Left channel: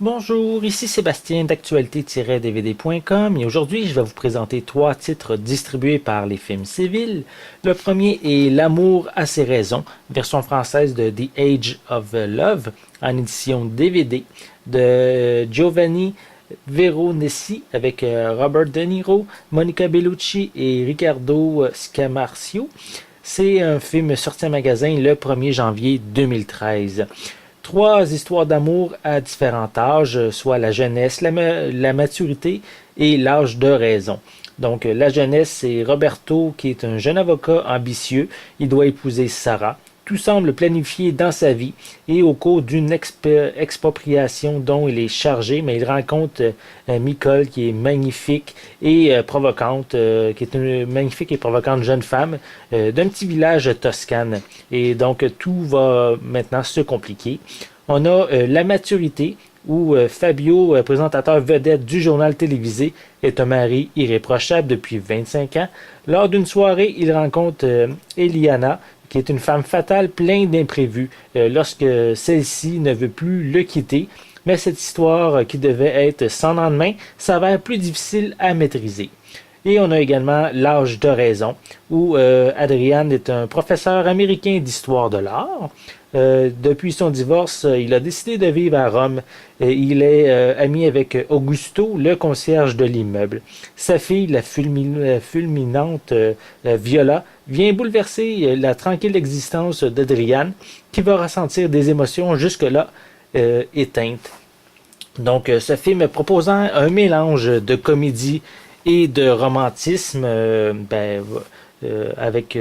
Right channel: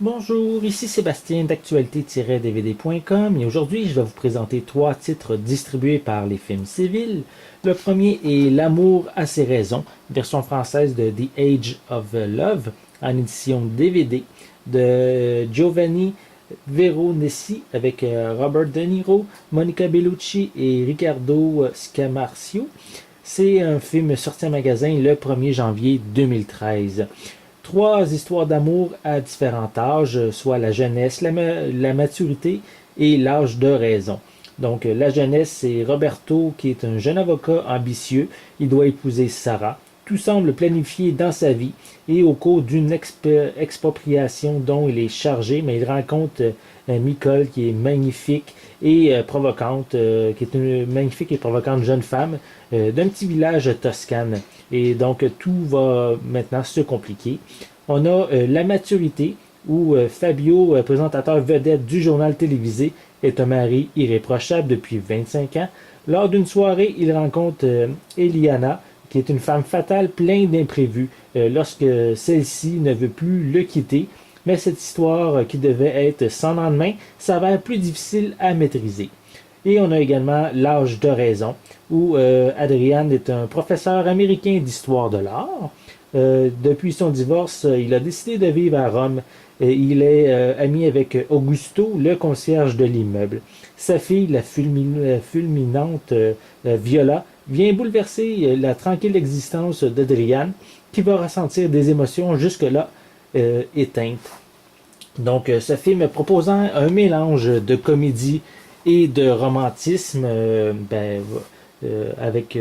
Bonjour, ici Sébastien d'actualité-dvd.com et aujourd'hui je vais vous présenter trois titres distribués par les films civils. Le premier est L'amour a ses raisons, version française de The Age of Love en édition DVD de Giovanni Veronesi avec Robert De Niro, Monica Bellucci et Riccardo Scamarcio. C'est un film sorti en magasin le 1er janvier 2013. Trois histoires d'amour à différents âges, soit la jeunesse, la maturité et l'âge de raison. Donc la jeunesse, c'est Roberto qui est un jeune avocat ambitieux. Il doit épouser Sarah. Tout semble planifié dans sa vie et au cours d'une expropriation dont il est chargé, mais il rencontre Nicole qui est magnifique et provocante, qui est une magnifique et provocante jeune femme d'un petit village toscane. Et donc tout va maintenant se compliquer. On a la maturité où Fabio, présentateur vedette du journal télévisé, est un mari irréprochable depuis 25 ans. Lors d'une soirée, il rencontre Eliana, qui est une femme fatale pleine d'imprévus lorsque celle-ci ne veut plus le quitter. Mais cette histoire qui devait être sans lendemain s'avère plus difficile à maîtriser. Et on a également L'âge de raison, où Adrian est un professeur américain d'histoire de l'art. Depuis son divorce, il a décidé de vivre à Rome. Il est ami avec Augusto, le concierge de l'immeuble. Sa fille, la fulminante Viola, vient bouleverser la tranquille existence d'Adrian, qui va ressentir des émotions jusque-là éteintes. Donc, ce film proposant un mélange de comédie et de romantisme avec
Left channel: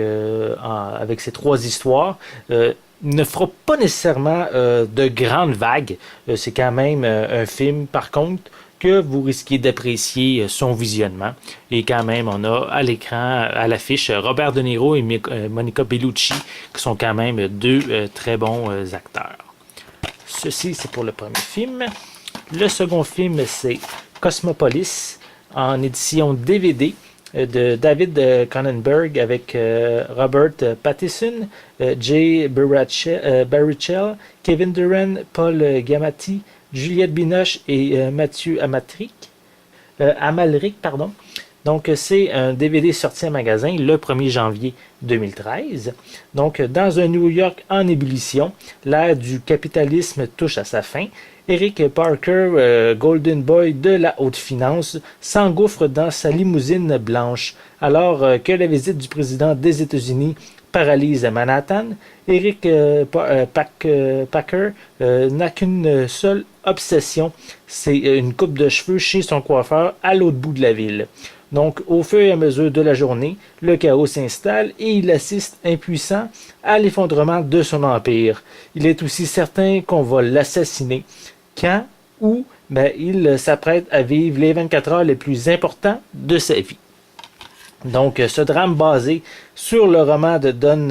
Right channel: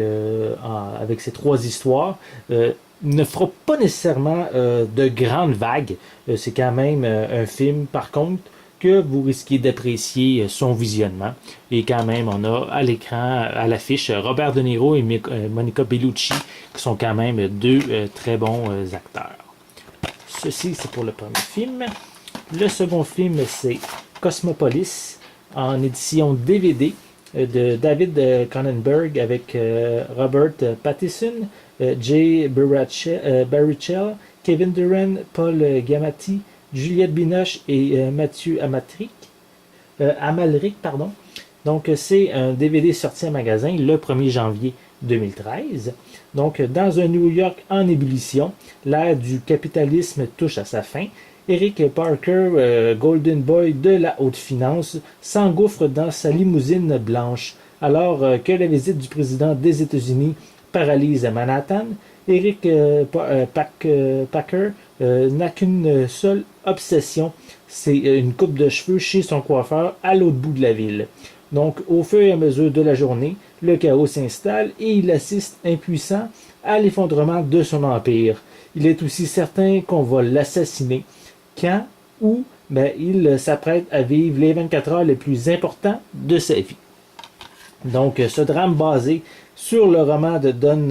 ces trois histoires ne fera pas nécessairement de grandes vagues. C'est quand même un film, par contre, que vous risquez d'apprécier son visionnement. Et quand même, on a à l'écran, à l'affiche, Robert De Niro et Monica Bellucci, qui sont quand même deux très bons acteurs. Ceci, c'est pour le premier film. Le second film, c'est Cosmopolis, en édition DVD de David Cronenberg avec Robert Pattinson, Jay Baruchel, Kevin Durant, Paul Giamatti, Juliette Binoche et Mathieu Amalric. Pardon. Donc, c'est un DVD sorti en magasin le 1er janvier 2013. Donc, dans un New York en ébullition, l'ère du capitalisme touche à sa fin. Eric Parker, Golden Boy de la haute finance, s'engouffre dans sa limousine blanche. Alors que la visite du président des États-Unis paralyse Manhattan, Eric Packer n'a qu'une seule obsession, c'est une coupe de cheveux chez son coiffeur à l'autre bout de la ville. Donc, au fur et à mesure de la journée, le chaos s'installe et il assiste impuissant à l'effondrement de son empire. Il est aussi certain qu'on va l'assassiner. Quand, où, il s'apprête à vivre les 24 heures les plus importants de sa vie. Donc, ce drame basé sur le roman de Don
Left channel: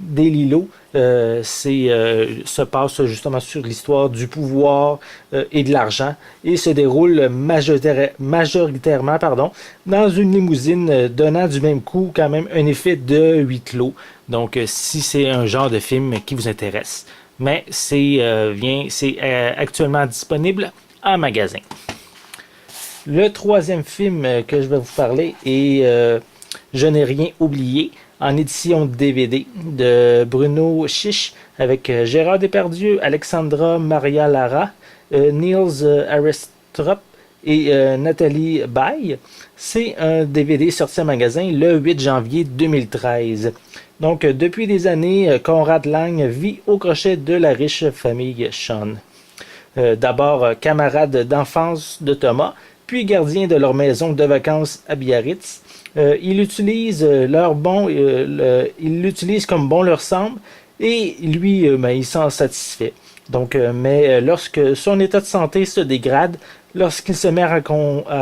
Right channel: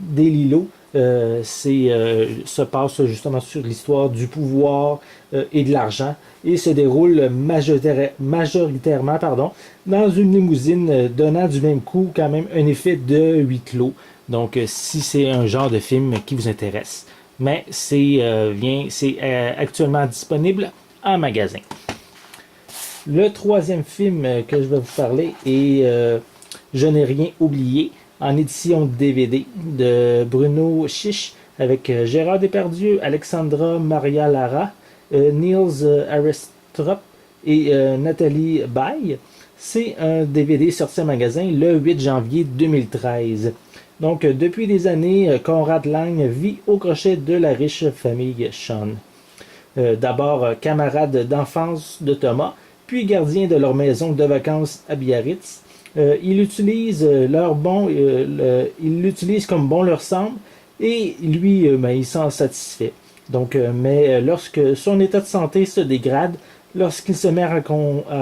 DeLillo se passe justement sur l'histoire du pouvoir et de l'argent et se déroule majoritairement dans une limousine donnant du même coup quand même un effet de huis clos. Donc, si c'est un genre de film qui vous intéresse, mais c'est actuellement disponible en magasin. Le troisième film que je vais vous parler est Je n'ai rien oublié, en édition DVD de Bruno Chiche avec Gérard Depardieu, Alexandra Maria Lara, Niels Arestrup et Nathalie Baye. C'est un DVD sorti en magasin le 8 janvier 2013. Donc, depuis des années, Conrad Lang vit au crochet de la riche famille Sean. D'abord camarade d'enfance de Thomas, puis gardien de leur maison de vacances à Biarritz. Ils l'utilisent comme bon leur semble et lui, il s'en satisfait. Donc, mais lorsque son état de santé se dégrade, lorsqu'il se met à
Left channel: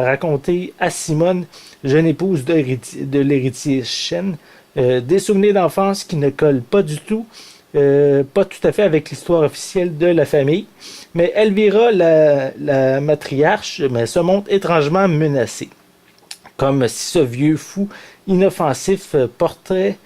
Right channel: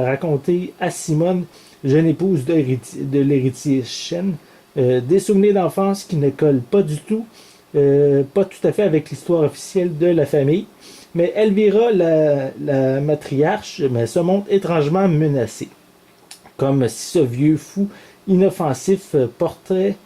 raconter à Simone, jeune épouse de l'héritier Chen, des souvenirs d'enfance qui ne collent pas du tout, pas tout à fait avec l'histoire officielle de la famille, mais Elvira, la matriarche, se montre étrangement menacée. Comme si ce vieux fou inoffensif portait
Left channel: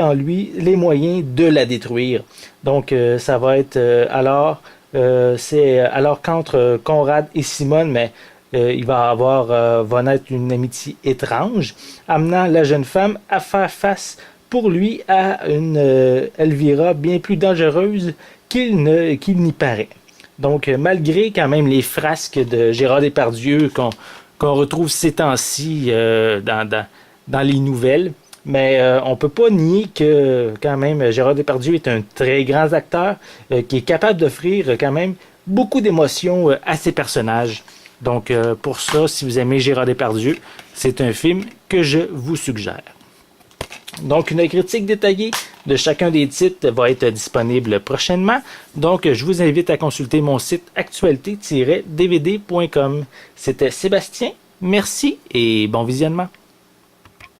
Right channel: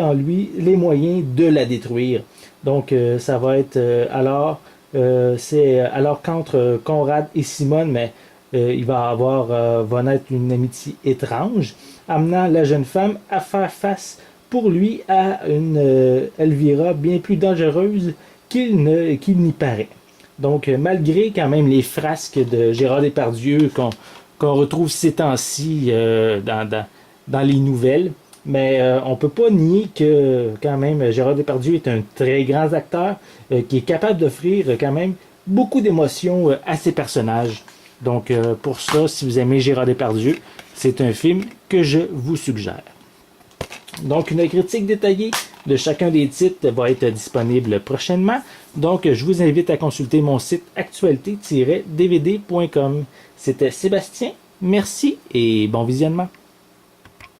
en lui les moyens de la détruire. Donc, ça va être alors C'est alors qu'entre Conrad et Simone, mais va naître une amitié étrange, amenant la jeune femme à faire face pour lui à une Elvira bien plus dangereuse qu'il n'y paraît. Donc, malgré quand même les frasques de Gérard Depardieu qu'on retrouve ces temps-ci dans les nouvelles, mais on peut pas nier que quand même Gérard Depardieu est un très grand acteur qui est capable d'offrir quand même beaucoup d'émotions à ses personnages. Donc pour ça, si vous aimez Gérard Depardieu, c'est un film que je vous suggère. Donc une critique détaillée de chacun des titres va être disponible prochainement. Donc je vous invite à consulter mon site actualité-dvd.com. C'était Sébastien, merci et bon visionnement.